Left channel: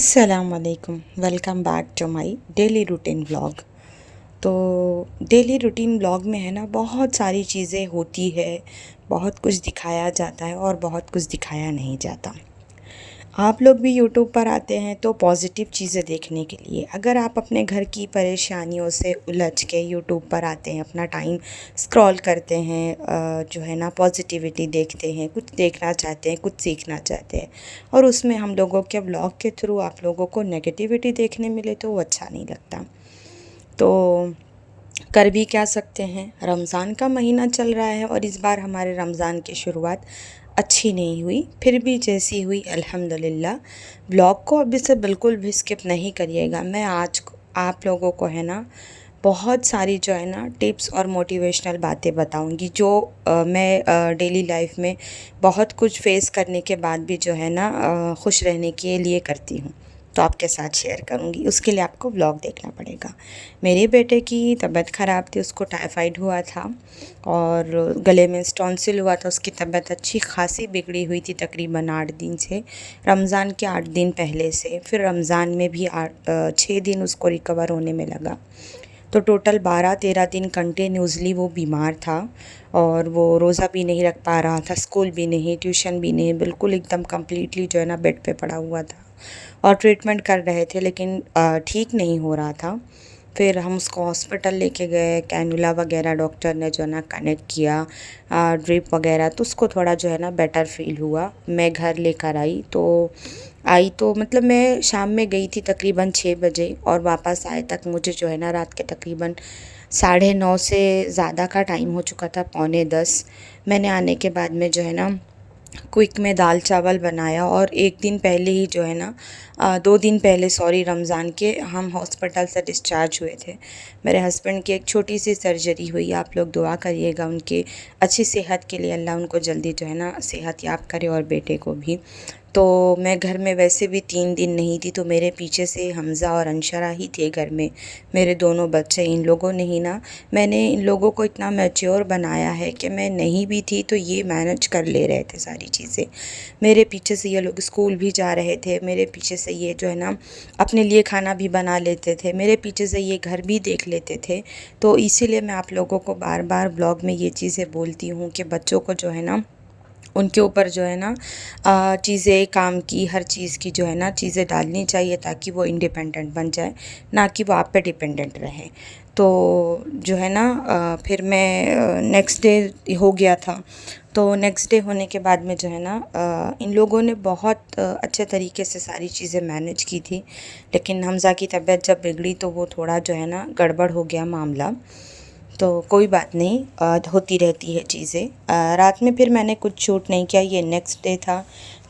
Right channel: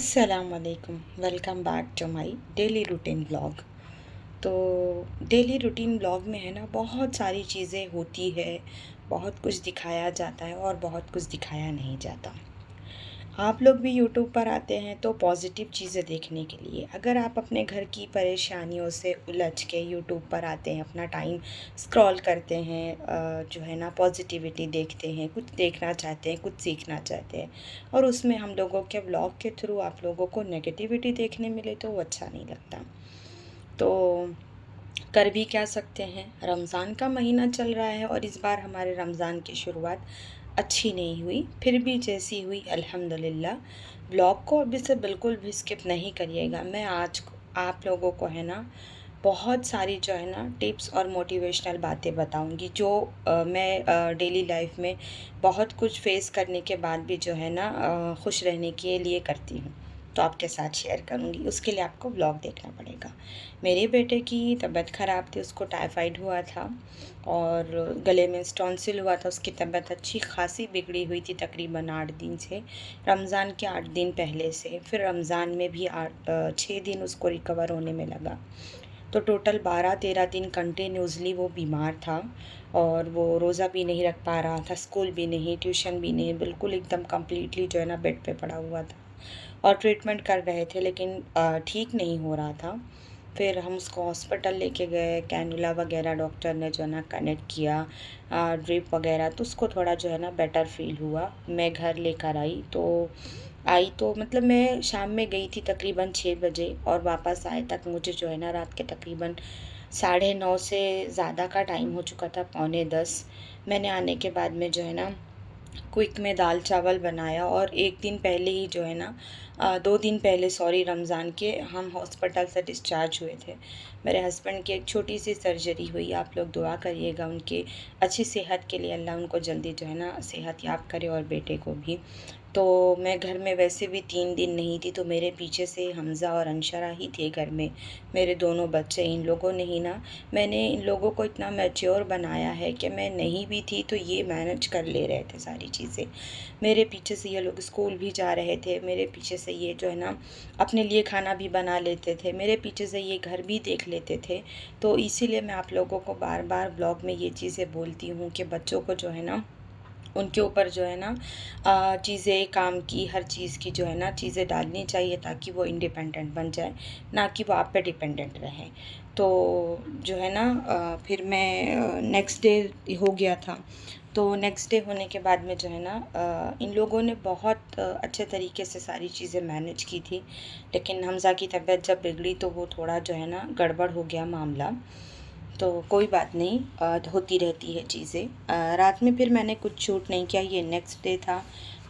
अस्सलामुअलैकुम। Welcome back to my daily routine vlog. तो daily routine vlog में है ना, बहुत सारी चीज़ें होती है, बहुत कुछ दिखाया जाता है और बहुत कुछ दिखाया नहीं जाता। आप लोग भी यूट्यूब पर आते हैं तो पॉजिटिव चीज़ें देखने के लिए। अगर आप अपने घर की परेशानियों से उलझ के यूट्यूब पर आते हैं, अपना टाइम स्क्रॉल करते हैं, जो है ना पॉजिटिविटी देखते हैं, कुछ देखना चाहते हैं, कुछ सीखना चाहते हैं, और उसमें हम लोगों के ब्लॉग के थ्रू आप लोगों को नेगेटिविटी देखने मिले तो वो अच्छा नहीं लगता। तो कर भी क्या सकते हैं, रमज़ान का महीना चल रहा है और इस बार हमारे रमज़ान की शुरुआत अच्छी नहीं हुई, फिर भी जैसी हुई अल्हम्दुलिल्लाह। ब्लॉग को अभी से बिल्कुल भी स्किप नहीं करिएगा। मैं आज आप लोगों को है ना बहुत सारी जो है ना टिप्स और मोटिवेशनल बातें बताऊंगी, जो मैं डेली लाइफ में बहुत कुछ फेस करने के बाद भी जो है ना खुश रहने के लिए करती हूँ, तो आपके साथ शेयर करूँगी। उसके लिए आपको व्लॉग देखना पड़ेगा। मेरे बेटे की तबीयत ख़राब थी, उसको टाइफाइड हुआ था और गले में स्टॉन्सिल हुआ था। उसकी तबीयत अच्छी खासी बिगड़ी हुई थी तकरीबन 8 दिन से, रमज़ान के 8 दिन पहले से। फिर रमज़ान में भी 6 दिन उसको रिकवर होने में लगा। तो टोटल 12-13 दिन कंटिन्यूसली वो बीमार था और वो रोज़ा भी नहीं रख पा रहा था, स्कूल भी नहीं, ट्यूशन भी नहीं, बिल्कुल एकदम कम्प्लीटली जो है ना बेड पे पड़ा हुआ था। और ट्रीटमेंट कर रहे थे लेकिन ठीक नहीं हो रहा था। फिर हम उसको हॉस्पिटल लेके गए, कैनुला वगैरह डॉक्टर ने जो है ना कनेक्ट किया, ड्रिप वगैरह, तो उसको थोड़ा जो है ना बेटर फील हुआ। मैं घर लेकर आई तो मतलब मैं शाम में गई थी तकरीबन 6 बजे और वापस आए तक मुझे जो है ना रात के तकरीबन 9:30 से ज़्यादा का टाइम हो चुका था, पौने 10। मैंने आने के बाद में जो है ना क्विक में दाल चावल बनाया, और एक दिन पहले ही जो है ना 2 दिन पहले सॉरी, रमज़ान के हम हॉस्पिटल से डिस्चार्ज हुए थे। मेरे हस्बैंड की एक छोटी सी सर्जरी हुई। आप लोग दुआ करिएगा उनकी अच्छी सेहत के लिए, अल्लाह उनको जल्दी जो है ना सेहत याब करे, और बेटे को भी। तो मैं घर में वैसे भी 3 दिन नहीं थी, तो मेरे पीछे से हमज़ा और अंशरा ही थे घर में, मेरे दोनों बच्चे। इन लोगों ने ही ना, मैंने इन लोगों को इतना मैच्योर बनाया है कि मैं नहीं भी थी तो ये मैनेज कर ले रहे थे सारी चीज़ें। मेरे पीछे से ये लोग स्कूल भी जा रहे थे, मेरे पीछे से ये जो है ना अपने लिए खाना भी बना लेते थे, मेरे पीछे से ये घर भी देख लेते थे। तो इसीलिए मैं आप लोगों को बार बार ब्लॉग में ये चीज़ें बोलती हूँ कि बच्चों को जो है ना उनके ऊपर जो है ना चीज़ें, काम की हर चीज़ की जो है ना चीज़ें डालनी चाहिए, ताकि वो इंडिपेंडेंट बन जाए, ना कि वो आप पे डिपेंडेंट रहे। तो जो है ना फिर मैं नेक्स्ट डे हो गया था। तो नेक्स्ट डे होने के बाद में जो है ना इन लोगों ने बहुत अच्छे तरीके से सारी चीज़ें मैनेज की थी। लेकिन हमज़ा की तबीयत जब बिगड़ी तो वो थोड़ा जो है ना गड़बड़ हो गया मामला। तो कोई बात नहीं, होती रहती है चीज़ें। रात में फिर मैंने कुछ शूट नहीं किया, ये नेक्स्ट डे था।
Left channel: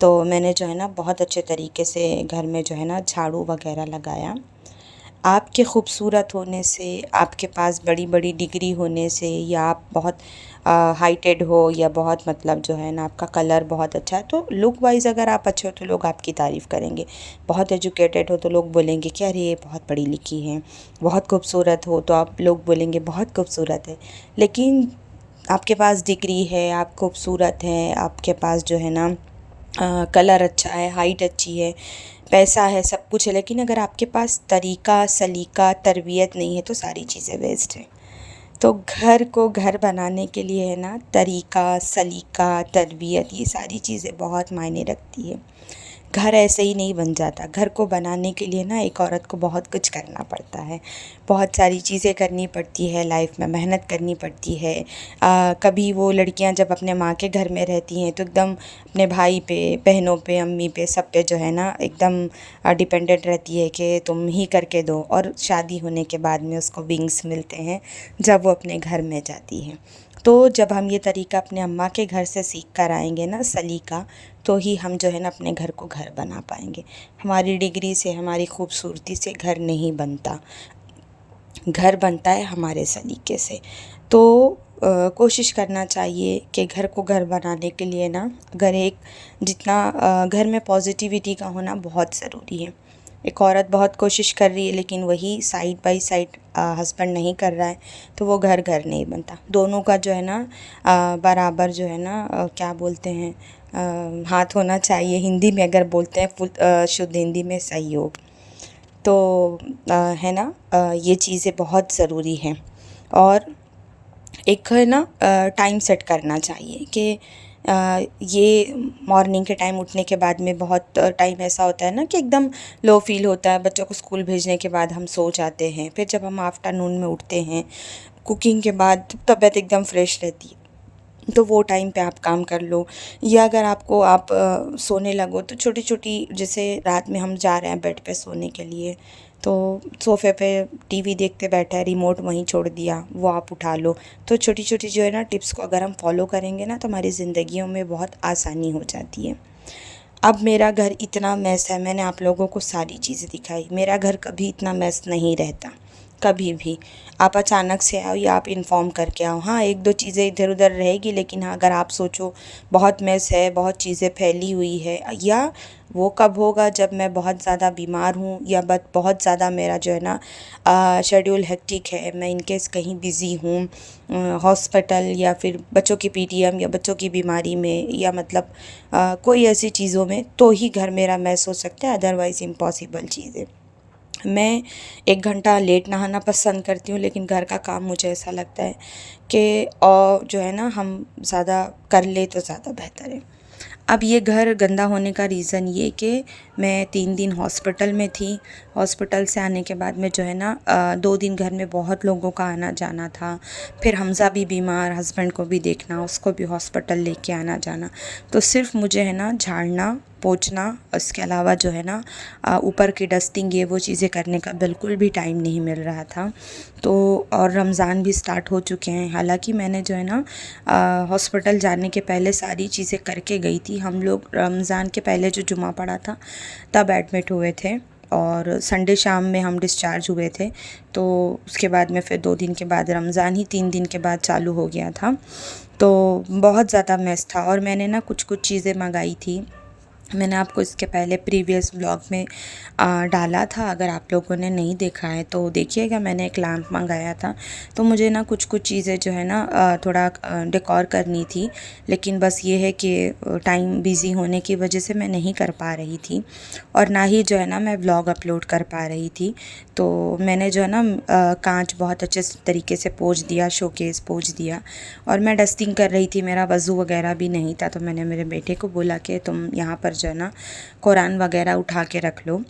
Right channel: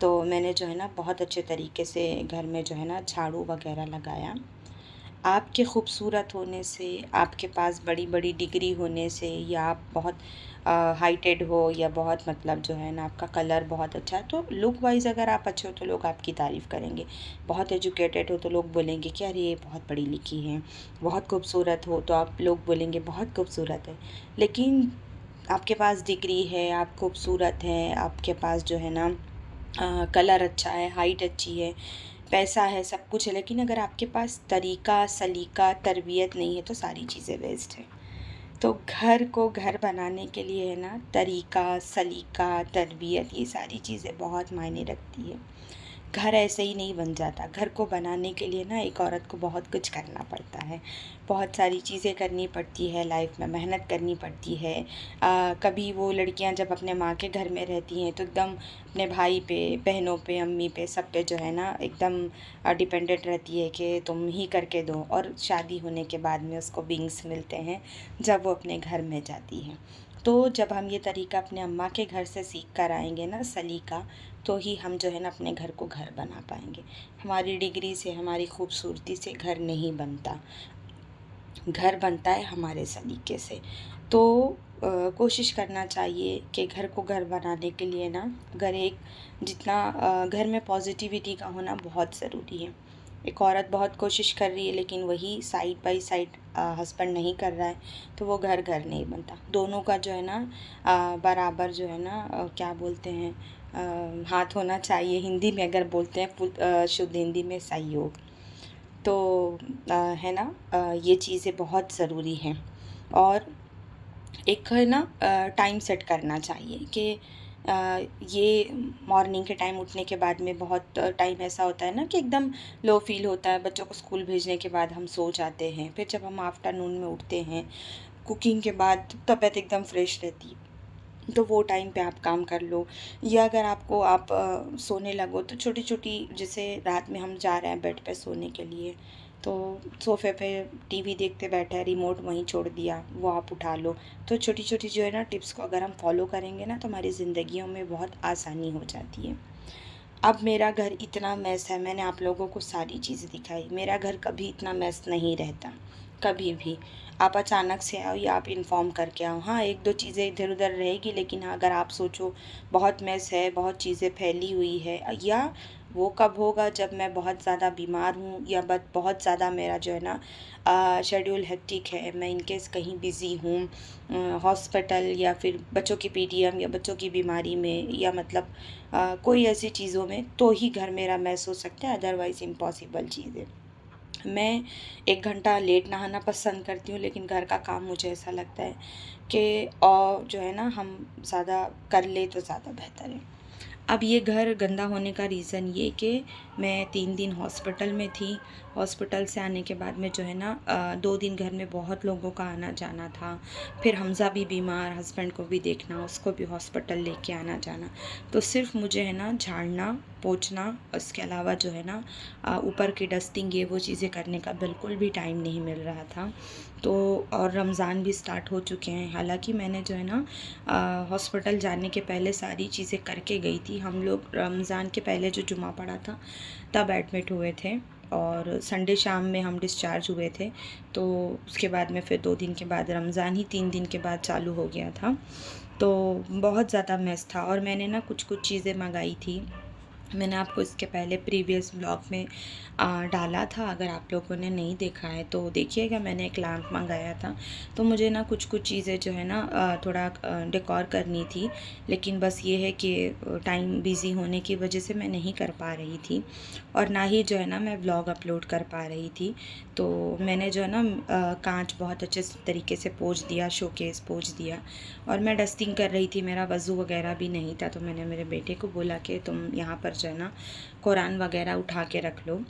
तो मैंने जो है ना बहुत अच्छे तरीके से घर में जो है ना झाड़ू वगैरह लगाया। आपके खूबसूरत होने से, आपके पास बड़ी बड़ी डिग्री होने से, या आप बहुत हाइटेड हो, या बहुत मतलब जो है ना आपका कलर बहुत अच्छा है, तो लुक वाइज अगर आप अच्छे हो तो लोग आपकी तारीफ़ करेंगे। बहुत एजुकेटेड हो तो लोग बोलेंगे कि अरे ये बहुत पढ़ी लिखी है। बहुत खूबसूरत हो तो आप लोग बोलेंगे बहुत खूबसूरत है। लेकिन आपके पास डिग्री है, आप खूबसूरत हैं, आपके पास जो है ना कलर अच्छा है, हाइट अच्छी है, पैसा है, सब कुछ है, लेकिन अगर आपके पास तरीका, सलीका, तरबियत नहीं है तो सारी चीज़ें वेस्ट हैं। तो घर को घर बनाने के लिए है ना तरीका, सलीका, तरबियत, ये सारी चीज़ें बहुत मायने रखती है। घर ऐसे ही नहीं बन जाता। घर को बनाने के लिए ना एक औरत को बहुत कुछ करना पड़ता है, बहुत सारी चीज़ें करनी पड़ती है, लाइफ में मेहनत करनी पड़ती है। कभी वो लड़कियां जब अपने माँ के घर में रहती हैं तो एकदम अपने भाई पे, बहनों पे, अम्मी पे, सब पे जो है ना एकदम डिपेंडेंट रहती है कि तुम ही करके दो, और शादी होने के बाद में उसको विंग्स मिलते हैं जब वो अपने घर में जाती है। तो जब हम ये तरीका अपने अम्मा के घर से सीख कर आएंगे ना, सलीका, तो ही हम जो है ना अपने घर को घर बना पाएंगे। हमारी डिग्री से, हमारी खूबसूरती से घर नहीं बनता, घर बनता है हमारे सलीके से। तो कोशिश करना चाहिए कि घर को घर बनाने के लिए ना, अगर एक जितना घर में पॉजिटिविटी का होना बहुत ज़रूरी है। एक औरत बहुत कोशिश कर रही है लेकिन वही साइड बाय साइड हस्बैंड नहीं कर रहा है, तो वो घर घर नहीं बनता। दोनों का जो है ना बराबर जो है ना क्या बोलते हैं, हाथ होना चाहिए, हिंदी में अगर बोलते हैं शुद्ध हिंदी में सहयोग। तो है ना, ये चीज़ें बहुत ज़रूरी हैं। और एक है ना, टाइम सेट करना चाहिए कि ये मॉर्निंग के टाइम उठने के बाद में बहुत टाइम ऐसा होता है ना कि एकदम लो फील होता है, बच्चों को स्कूल भेजने के बाद हम सो जाते हैं, फिर जब हम आफ्टरनून में उठते हैं कुकिंग के बाद तबीयत एकदम फ्रेश रहती है, तो वो टाइम पे आप काम कर लो। या अगर आपको आप सोने लगो तो छोटी छोटी, जैसे रात में हम जा रहे हैं बेड पे सोने के लिए, तो सोफ़े पे टीवी देखते बैठा है, रिमोट वहीं छोड़ दिया, वो आप उठा लो। तो छोटी छोटी जो है ना टिप्स को अगर हम फॉलो करेंगे ना, तो हमारी ज़िंदगियों में बहुत आसानी हो जाती है। अब मेरा घर इतना मेस है, मैंने आप लोगों को सारी चीज़ें दिखाई, मेरा घर कभी इतना मेस नहीं रहता, कभी भी। आप अचानक से आओ या आप इन्फॉर्म करके आओ, हाँ एक दो चीज़ें इधर उधर रहेगी, लेकिन हाँ अगर आप सोचो बहुत मेस है, बहुत चीज़ें फैली हुई है, या वो कब होगा जब मैं बहुत ज़्यादा बीमार हूँ, या बहुत ज़्यादा मेरा जो है ना शेड्यूल हेक्टिक है, मैं इनकेस कहीं बिज़ी हूँ हॉस्पिटल, या फिर बच्चों की पीटीएम, या बच्चों की बीमारी में, या मतलब कोई ऐसी चीज़ों में, तो ही घर मेरा मैस हो सकता है, अदरवाइज़ इम्पॉसिबल चीज़ है। मैं 1 घंटा लेट नहाना पसंद करती हूँ, लेकिन घर का काम मुझे ऐसा लगता है कि और जो है ना हम ज़्यादा कर ले तो ज़्यादा बेहतर है। अब ये घर गंदा होने का रीज़न ये कि मैं 3 दिन हॉस्पिटल में थी। हॉस्पिटल से आने के बाद में जो है ना 2 दिन घर में बहुत लोगों का आना जाना था। फिर हमज़ा भी बीमार, हस्बैंड को भी देखना, उसको भी हॉस्पिटल लेके आना जाना। तो सिर्फ मुझे है ना झाड़ना, पोंछना, उसके अलावा जो है ना ऊपर की डस्टिंग, ये वो चीज़ें करने का बिल्कुल भी टाइम नहीं मिल रहा था। तो और रमज़ान भी स्टार्ट हो चुके हैं, हालांकि मैंने जो है ना हॉस्पिटल जाने के पहले सारी चीज़ें करके गई थी। हम लोग रमज़ान के पहले जो जुमा पड़ा था तब एडमिट हुए थे, और संडे शाम में हम डिस्चार्ज हुए थे। तो उसके बाद में फिर 2 दिन के बाद रमज़ान ही 3 दिन के बाद चालू हो गया था। तो बहुत ज़्यादा मेस था, और मैंने ना कुछ कुछ चीज़ें मंगाई थी। मैंने आपको इसके पहले प्रीवियस ब्लॉग में डाला था, अगर आप लोगों ने नहीं देखा है तो देखिएगा। मैंने एक लैंप मंगाया था, तो मुझे ना कुछ कुछ चीज़ें जो है ना थोड़ा डेकोर करनी थी, लेकिन बस ये है कि टाइम बिज़ी होने की वजह से मैं नहीं कर पा रही थी, और ना ही जो है ना मैं ब्लॉग अपलोड कर पा रही थी। तो मैंने जो है ना कांच बहुत अच्छे तरीके से पोंछ दिया, शोकेस पोंछ दिया, और मैं डस्टिंग कर रही थी, मेरा वज़ू वगैरह भी नहीं था, तो मैंने मेरे बेटे को बोला कि तुम यहाँ पर जो है ना कुरान वगैरह उठा के रख लो।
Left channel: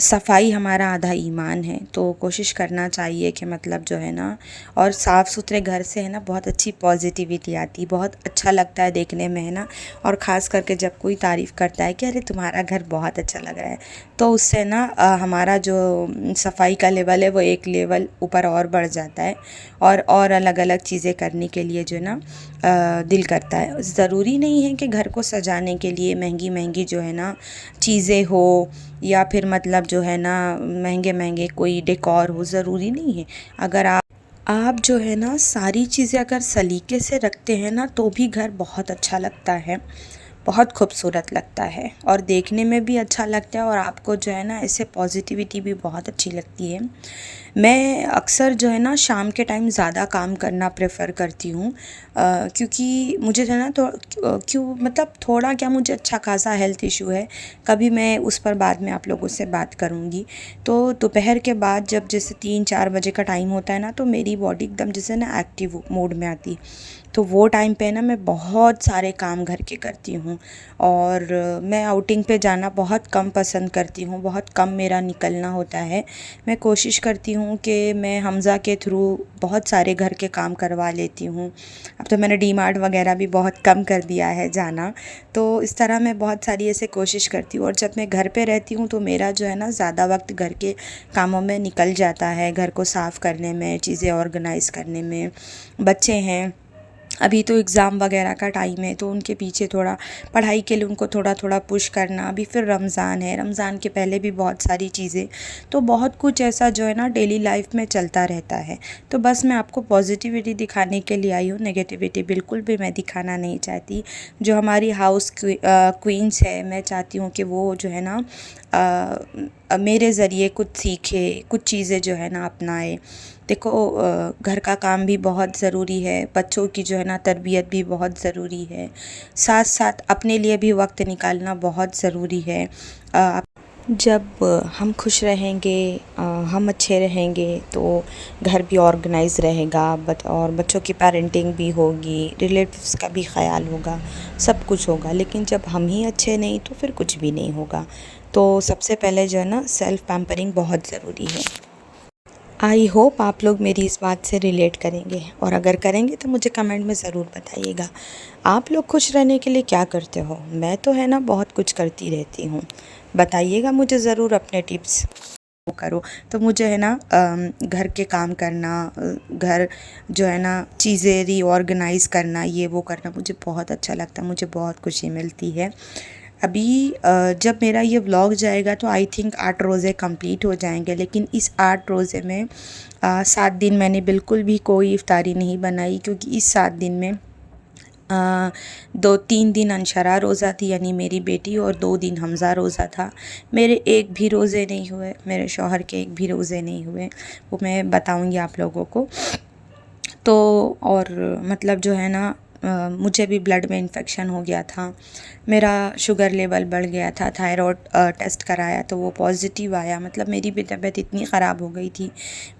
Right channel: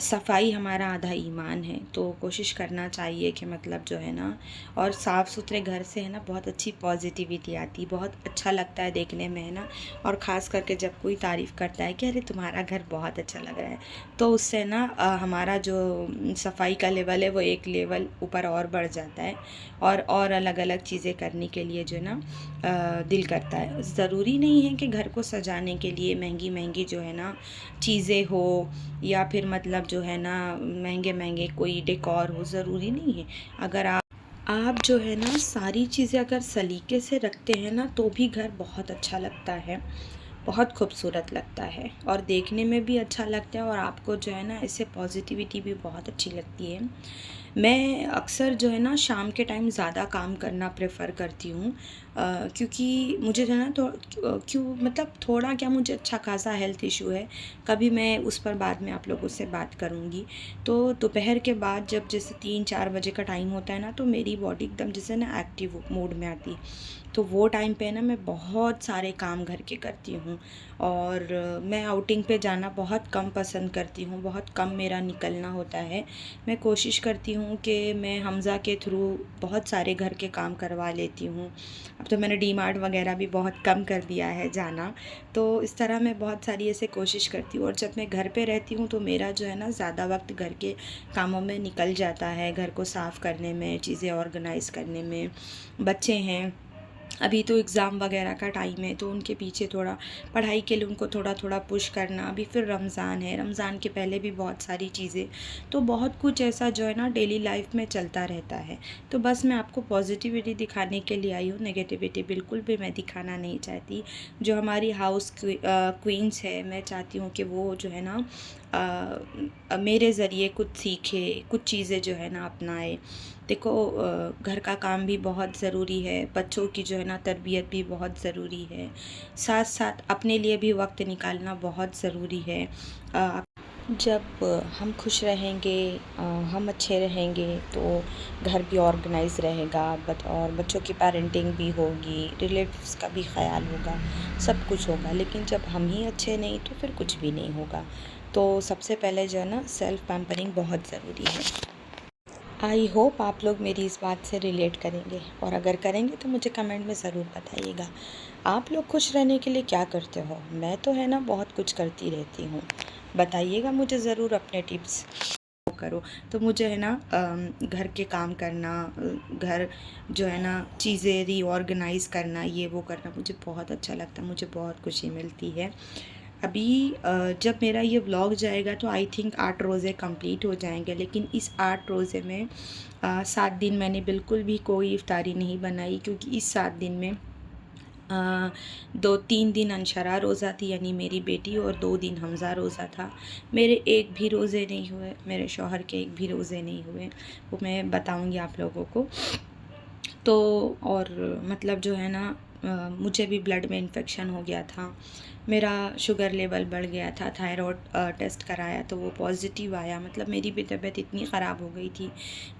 सफाई हमारा आधा ईमान है, तो कोशिश करना चाहिए कि मतलब जो है ना, और साफ़ सुथरे घर से है ना बहुत अच्छी पॉजिटिविटी आती है, बहुत अच्छा लगता है देखने में, है ना। और ख़ास करके जब कोई तारीफ़ करता है कि अरे तुम्हारा घर बहुत अच्छा लग रहा है, तो उससे ना हमारा जो सफाई का लेवल है वो एक लेवल ऊपर और बढ़ जाता है, और अलग अलग चीज़ें करने के लिए जो है ना दिल करता है। ज़रूरी नहीं है कि घर को सजाने के लिए महंगी महंगी जो है ना चीज़ें हो, या फिर मतलब जो है ना महंगे महंगे कोई डेकोर हो, ज़रूरी नहीं है। अगर आप जो है ना सारी चीज़ें अगर सलीके से रखते हैं ना, तो भी घर बहुत अच्छा लगता है, बहुत खूबसूरत लगता है, और देखने में भी अच्छा लगता है, और आपको जो है ना ऐसे पॉजिटिविटी भी बहुत अच्छी लगती है। मैं अक्सर जो है ना शाम के टाइम ज़्यादा काम करना प्रेफर करती हूँ, क्योंकि मुझे जो है ना तो क्यों मतलब थोड़ा क्या, मुझे अच्छा खासा हेल्थ इशू है, कभी मैं उस पर बाद में आप लोगों से बात करूँगी। तो दोपहर के बाद जब जैसे 3-4 बजे का टाइम होता है ना, तो मेरी बॉडी एकदम जैसे ना एक्टिव मोड में आती है। तो वो टाइम पे ना मैं बहुत सारे काम घर के करती हूँ, और मैं आउटिंग पे जाना बहुत कम पसंद करती हूँ, बहुत कम मेरा निकलना होता है। मैं कोशिश करती हूँ कि मैं हमज़ा के थ्रू बहुत सारे घर के काम करवा लेती हूँ। अब तो मैंने डीमार्ट वगैरह भी बहुत कम कर दिया है जाना। तो इस तरह मैं बहुत सारी ऐसे कोशिश करती हूँ, और जब मैं घर पे रहती हूँ तो मेरा जो है ना ज़्यादा वक्त घर के कामों में निकल जाता है, घर को साफ़ करने में, चीज़ें ऑर्गेनाइज़ करने में। बच्चे हैं, अभी तो एग्ज़ाम वगैरह का टाइम है, तो उनके पीछे थोड़ा पढ़ाई के लिए उनको थोड़ा थोड़ा पुश करना। अभी फिर रमज़ान है, रमज़ान के पहले भी बहुत सारी चीज़ें, तो बहुत कुछ ऐसा जो है ना डेली लाइफ में चलता रहता है। तो बस मैं आपको पॉजिटिविटी दिखाने के लिए आई हूँ, नेगेटिविटी बिल्कुल भी मैं दिखाना नहीं चाहती। जो हमारी हाउस क्वींस है, मैं चाहती हूँ कि वो जो है ना मेरे ज़रिए कुछ सीखे, कुछ चीज़ें जो है ना अपनाए। देखो घर का काम भी बहुत ज़रूरी है, बच्चों की जो है ना तरबियत भी बहुत ज़रूरी है, साथ साथ अपने लिए भी वक्त निकालना बहुत ज़रूरी है। जब हम खुश रहेंगे, हम अच्छे रहेंगे तो घर भी ऑर्गेनाइज़ रहेगा, और बच्चों की पेरेंटिंग भी होगी, रिलेटिव्स का भी ख़याल होगा, सब कुछ होगा। लेकिन जब हम ही अच्छे नहीं तो फिर कुछ भी नहीं होगा। तो सबसे पहले जो है ना सेल्फ़ पैम्परिंग बहुत ज़रूरी है। आई होप आप लोग मेरी इस बात से रिलेट करेंगे, और अगर करेंगे तो मुझे कमेंट में ज़रूर बताइएगा। आप लोग खुश रहने के लिए क्या करते हो? मैं तो है ना बहुत कुछ करती रहती हूँ। बताइएगा मुझे ज़रूर अपने टिप्स। करो तो मुझे है ना घर के काम करना, घर जो है ना चीज़ें रीऑर्गेनाइज़ करना, ये वो करना मुझे बहुत अच्छा लगता है, मुझे बहुत खुशी मिलती है। अभी जब मेरा ये व्लॉग जाएगा तो आई थिंक 8 रोज़े कंप्लीट हो जाएंगे, लेकिन इस 8 रोज़े में 7 दिन मैंने बिल्कुल भी कोई इफ्तारी नहीं बनाई, क्योंकि इस 7 दिन में 2-3 दिन अंशरा रोज़ा थी, यानी मेरी बेटी, और 2 दिन हमज़ा रोज़ा था। मेरे एक भी रोज़े नहीं हुए, मेरे शौहर के एक भी रोज़े नहीं हुए, वो मैं बताऊंगी आप लोगों को। तो और मतलब जो है ना मुझे भी ब्लड में इन्फेक्शन हो गया था, मेरा शुगर लेवल बढ़ गया था, थायराइड टेस्ट कराया तो वो पॉजिटिव आया। मतलब मेरी भी तबीयत इतनी ख़राब हो गई थी,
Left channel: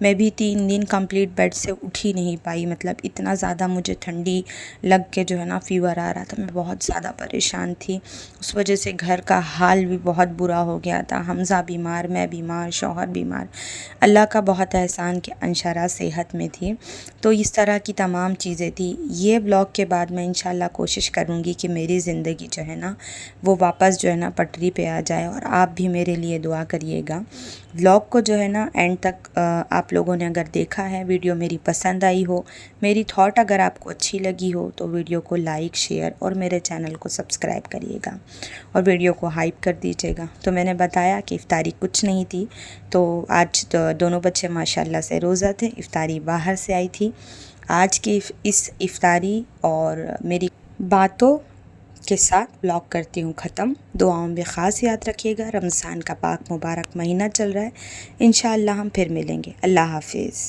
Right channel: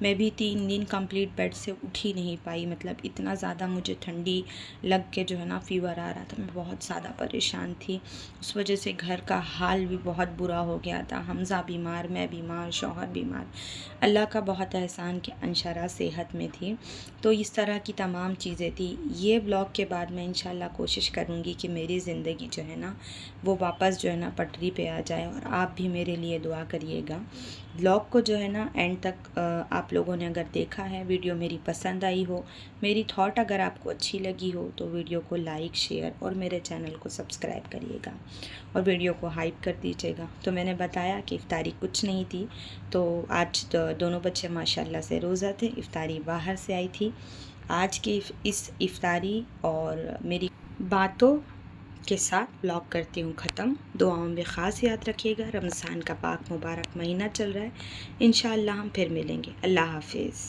मैं भी 3 दिन कंप्लीट बेड से उठ ही नहीं पाई। मतलब इतना ज़्यादा मुझे ठंडी लग के जो है ना फ़ीवर आ रहा था, मैं बहुत ज़्यादा परेशान थी। उस वजह से घर का हाल भी बहुत बुरा हो गया था, हमज़ा बीमार, मैं बीमार, शौहर बीमार। अल्लाह का बहुत एहसान कि अंशरा सेहत में थी। तो इस तरह की तमाम चीज़ें थी। ये ब्लॉग के बाद मैं इंशाल्लाह कोशिश करूँगी कि मेरी ज़िंदगी जो है ना वो वापस जो है ना पटरी पे आ जाए, और आप भी मेरे लिए दुआ करिएगा। ब्लॉग को जो है ना एंड तक आप लोगों ने अगर देखा है, वीडियो मेरी पसंद आई हो, मेरी थॉट अगर आपको अच्छी लगी हो, तो वीडियो को लाइक, शेयर और मेरे चैनल को सब्सक्राइब करिएगा, और वीडियो को हाइप कर दीजिएगा। तो मैंने बताया कि इफ्तारी कुछ नहीं थी, तो आज तो दोनों बच्चे माशाल्लाह से रोज़ा थे, इफ्तारी बाहर से आई थी। आज की इस इफ्तारी और मेरी बातों के साथ ब्लॉग करती हूँ ख़त्म। दुआओं में ख़ास याद रखिएगा। रमज़ान का पाक मुबारक महीना चल रहा है, इंशाअल्लाह हम फिर मिलेंगे। अल्लाह हाफ़िज़।